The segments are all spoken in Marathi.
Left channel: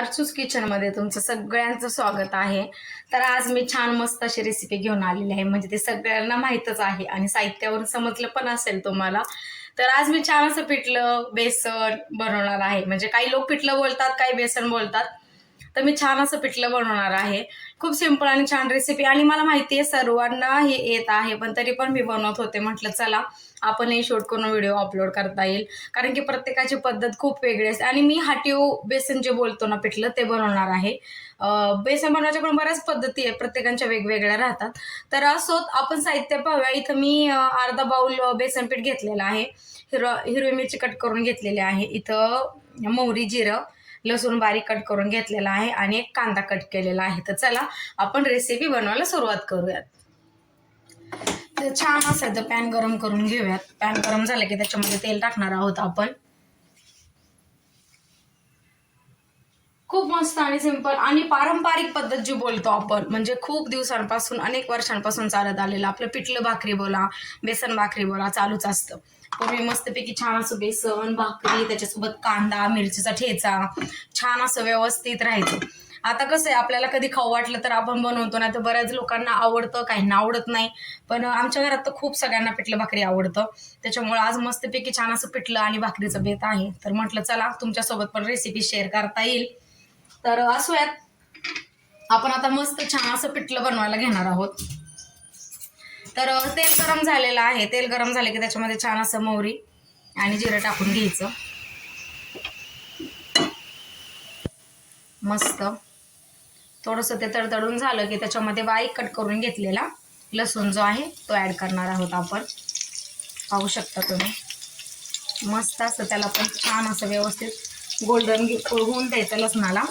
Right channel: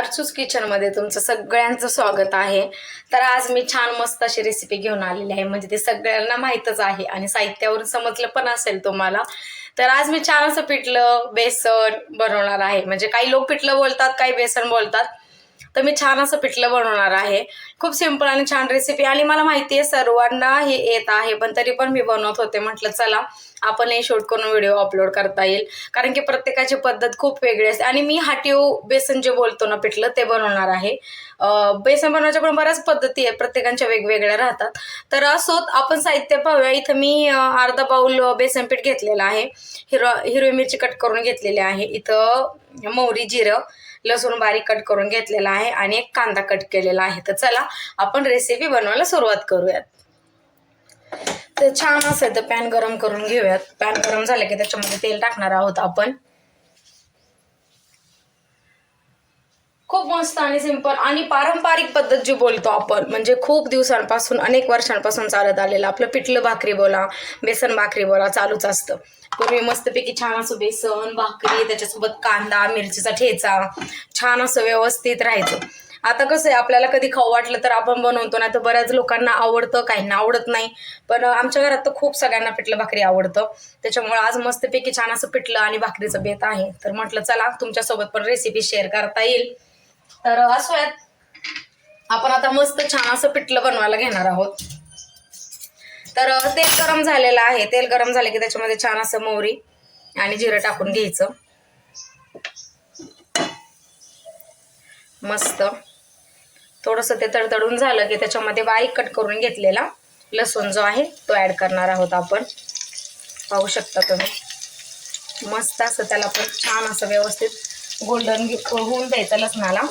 अर्चूस किचनमध्ये तुमचं सगळ्यांचं स्वागत आहे. तर आज मी छान मस्त अशी रेसिपी घेऊन आलेली आहे. म्हणजे ते सगळ्यांना माहीतच आहे आणि साहित्यावरून समजलं पण असेल तुम्हाला. तर आज मी छान असं पिठलं बेसन बनवणार आहे. म्हणजे काही लोक पिठलं बोलतात, काही बेसन बोलतात. तर मी छान असं पिठलं बनवणार आहे. खूप सिंपल आणि छान रेसिपी आणि मला माहिती आहे सर्वांना हे येत आहे, पण तरी पण मी बनवत होते. म्हटलं चला आपण हे शूट करून व्हिडिओ अपलोड करता येईल, कारण की प्रत्येकाची पद्धत खूप वेगळी असते. आणि मी हाटीव बेसन जे बोलतो ना पिठलं ते बनवणार आहे. बेसन बनवायच्या पण बऱ्याच पद्धती आहेत, प्रत्येकांच्या वेगवेगळ्या राहतात. तर असोत आपण साहित्य पाहूया. इथं मी अर्धा बाउल बेसन पीठ घेतलेलं आहे. हिरवी मिरची कट करून घेतलेली आहे. इथं मोहरी, जिरं, लसूण बारीक कट करून घेतलेला आहे आणि एक कांदा कट केलेला आहे. तर चला आपण रेसिपी बनवायला सुरुवात करूयात. तर छान असेल तर पॅन गरम करून घेऊयात. पॅन गरम झालं की त्याच्यामध्ये तेल टाकणार आहोत आपण. खूप मस्त आणि सिंपल आणि पारंपरिक पद्धत जी बोलतो आपण, म्हणजे खूप दिवसांपासून अनेक वर्षांपासून चालत आलेलं आपलं पिठलं भाकरी बोला, बेसन भाकरी बोला, चालूच असतं. पूर्वी मस्तपैकी छान असं बेसन भाकरी, त्याच्यासोबत कांदा मिरचीचा ठेचा छान असं व्यवस्थित राहायचं. आता कसं आहे, आपल्याला कधी खाऊ वाटलं तर आपण बनवतो, नाही तर बऱ्याच लोकांना आवडतं, काहींना आवडत नाही. पण आमच्या घरात तर खूप सगळ्यांना पिठलं भाकरी आवडतं. त्याच्यामुळे आज मस्तपैकी छान असं पिठलं आणि भाकरीचं बेत आहे. तर म्हटलं चला तुमच्यासोबत पण रेसिपी शेअर करता येईल. तर असोयात आपण आता मस्त छान असं पिठलं बनवायला घेणार आहोत. तर तेल गरम झालेलं आहे. तेल गरम झाले की त्याच्यामध्ये छान असं मोहरी आणि जिरं टाकून घ्यायचं. मस्त थोडंसं ते तडतडून झालं की त्याच्यामध्ये बारीक कट करून घेतलेला लसूण जो आहे तो ऍड करणार आहोत आपण. पाहू शकता तुम्ही. मस्त असं त्याला पण छान असं व्यवस्थित गोल्डन होऊन द्यायचं लसणाला.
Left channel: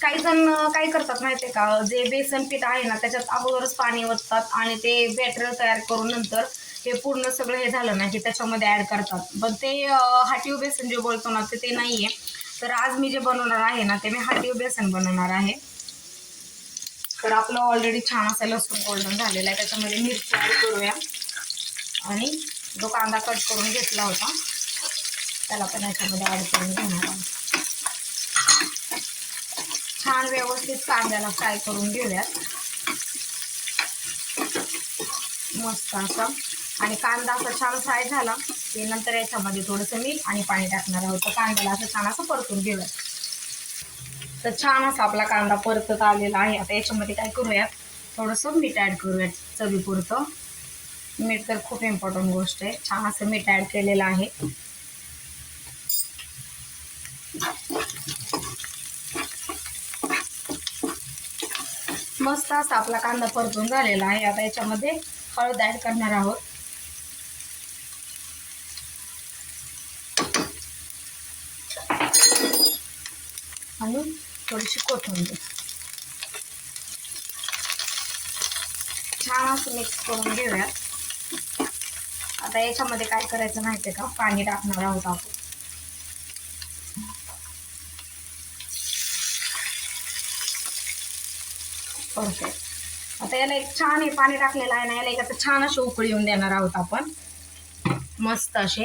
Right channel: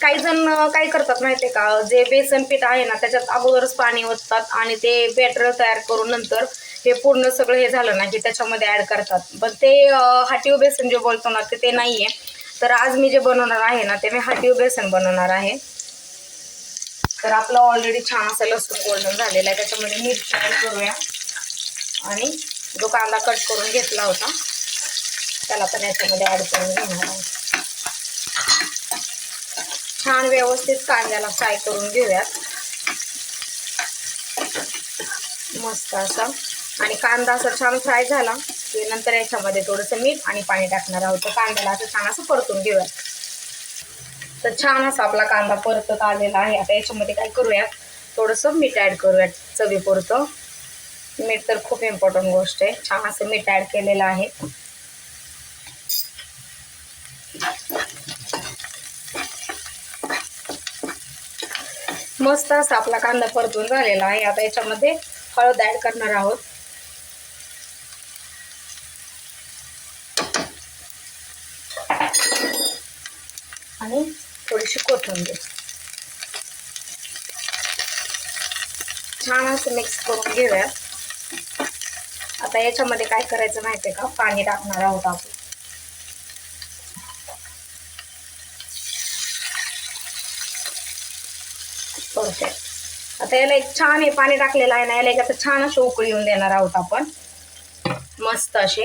काही जण काय करतात माहितीये का, जे बेसन पीठ आहे ना त्याच्यात अगोदरच पाणी ओततात आणि ते बॅटर तयार करून नंतर हे पूर्ण सगळं हे झालं ना की त्याच्यामध्ये ऍड करतात. पण ते हाटीव बेसन जे बोलतो ना ते नाहीये. तर आज मी जे बनवणार आहे ना ते मी हाटीव बेसन बनवणार आहे. तर आपलं ऑलरेडी छान असं लसूण गोल्डन झालेला आहे. त्याच्यामध्ये मिरची ऍड करूया आणि जो कांदा कट करून घेतला होता त्याला पण याच्यामध्ये ऍड करून घेणार आहोत. छान व्यवस्थित कांद्याला फ्राय करून घेऊयात मस्त असं. आणि कांदा असं छान फ्राय झाला की नंतर याच्यामध्ये थोडंसं मीठ आणि पाणी टाकणार आहोत. तर कांद्याला असं छान असं परतून घेऊयात. तर छान असा आपला कांदा परतत आलेला आहे. आता याच्यामध्ये काय करूयात, थोडंसं मीठ ॲड करूयात चवीपुरतं. मीठ तर खूप इम्पॉर्टंट गोष्ट आहे. छान असं मीठ ॲड केलेलं आहे. मस्त असा आपला कांदा परतून झालेला आहे. आता याच्यामध्ये हळद ॲड करणार आहोत. आणि थोडीशी कोथिंबीर. छान असं मिक्स करून घेऊयात. आता याच्यामध्ये काय करायचं माहितीये का, पाणी टाकणार आहोत आपण. परफेक्ट. आता याला एक छान हे पाणी टाकलेलं आहे ना, याला एक आता छान अशी उकळी येऊन देणार आहोत आपण मस्त अशी.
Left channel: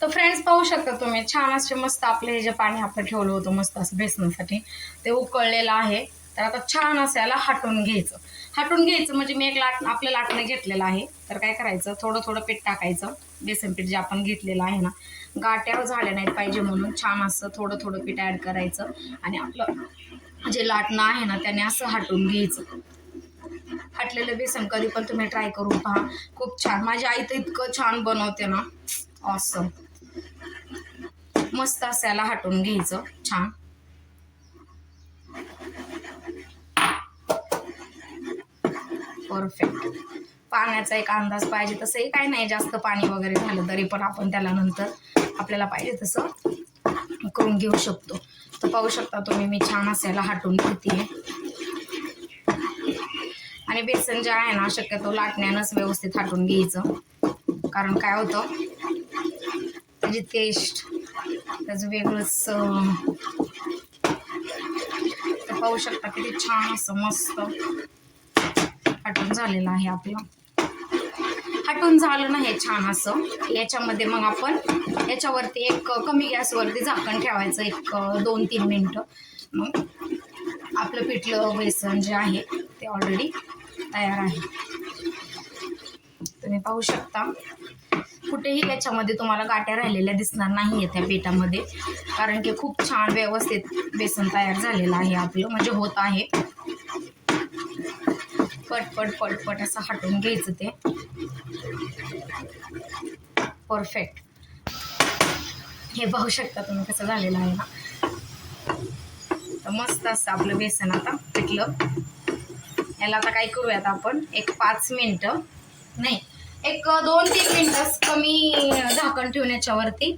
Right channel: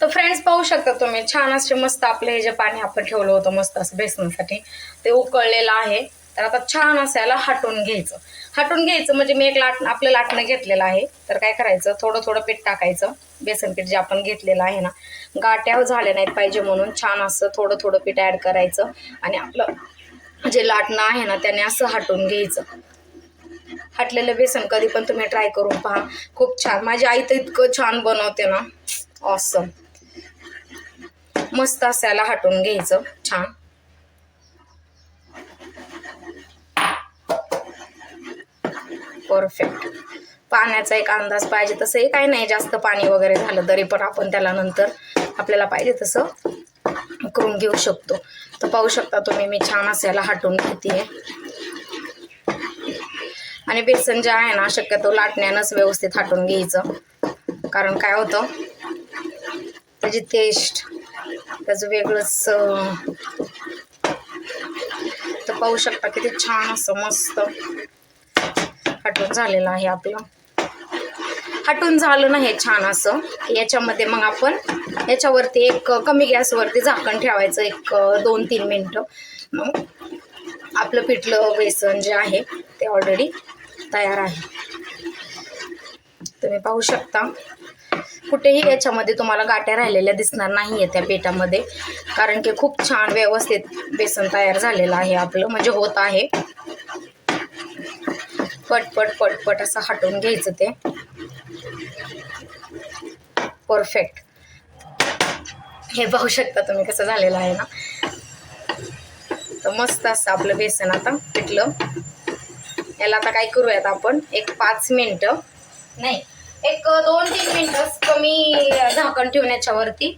तर फ्रेंड्स पाहू शकता तुम्ही, छान असे मस्त आपले हे जे पाणी आपण ठेवलं होतं मस्त असं बेसनासाठी ते उकळलेलं आहे. तर आता छान असं याला हटवून घ्यायचं. हटवून घ्यायचं म्हणजे मी एक आपलं लाटणं घेतलेलं आहे. तर काय करायचं, थोडं थोडं पीठ टाकायचं. बेसन पीठ जे आपण घेतलेलं आहे ना, गाठ्या झाल्या नाहीत पाहिजे म्हणून छान असं थोडं थोडं पीठ ॲड करायचं आणि आपलं जे लाटणं आहे ना त्याने असं हटवून घ्यायचं. हटलेलं बेसन कधी पण तुम्ही ट्राय करून पहा, खूप छान. माझी आई तर इतकं छान बनवते ना, ऑसम. मस्त असं याला हटवून घ्यायचं छान. परफेक्ट. पाण्याचा एक अंदाज पाहिजे, तसंही काही नाही जास्त पाणी वगैरे झालं तरी पण आपण त्याला नंतर आपल्याला पाहिजे तसं करून घेऊ शकतो. तर पाहू शकता तुम्ही, मी छान असं याला हटवून घेते. आणि बेसन जे आहे ना शक्यतो लाटण्यानंच व्यवस्थित हटवून घ्यायचं, कारण काय होतं त्याची टेस्ट त्याचं वेगळंच. तर पाहू शकता किती छान असं मस्त हटून झालेलं आहे आपलं. हटून झालं ना हे छान असं. याच्यामध्ये मग आपण याच्यावरती एक कमी गॅसवरती झाकण ठेवायचं एक 2-3 मिनटं. मग आपलं पिठलं बेसन जे आहे ते ऑलरेडी तयार आहे. तुम्ही पाहू शकता कुठेही याच्यामध्ये तुम्हाला गाठ्या राहिलेल्या दिसणार नाही आहे त्या पिठामध्ये, कारण की खूप छान व्यवस्थित बेसन तयार झालेलं आहे आपलं, म्हणजे होत आहे. पटपट पटपट असं हटवून घ्यायचं ते. परफेक्ट. हे पाहू शकता तुम्ही कसं झालेलं आहे ना. तर मस्त असं आपलं बेसन आता पिठलं. याला आता काय करूयात आपण एक 5 मिनटं नाही एक 2-3 मिनटं कमी झाकण ठेवून याच्यावरती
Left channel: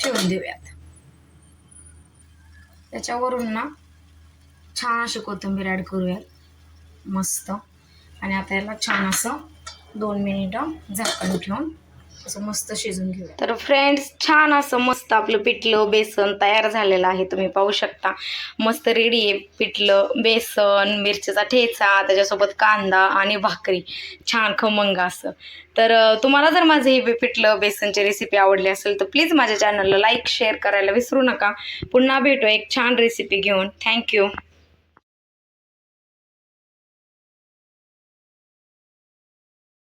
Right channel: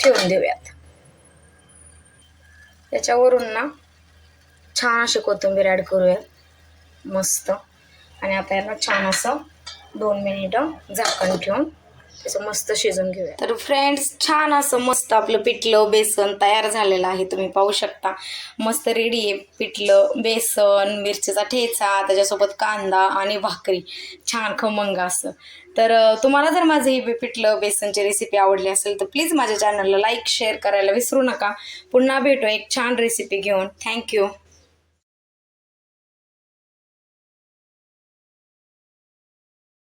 ठेवून देऊयात. त्याच्यावरून ना छान अशी कोथिंबीर ॲड करूयात मस्त. आणि आता याला छान असं 2 मिनिटं झाकण ठेवून असं मस्त शिजून घेऊया. तर फ्रेंड्स छान असं मस्त आपलं पिठलं बेसन तयार झालेलं आहे. तुम्ही पाहू शकता मस्त रेडी आहे पिठलं बेसन, मिरचीचा ठेचा, त्याच्यासोबत कांदा आणि भाकरी छान खमंग असं. तर तुम्हाला जर माझं ही पिठलं बेसनची रेसिपी आवडली असेल तर प्लीज माझ्या चॅनलला लाईक शेअर करायला विसरू नका. पुन्हा भेटू एक छान रेसिपी घेऊन. थँक्यू.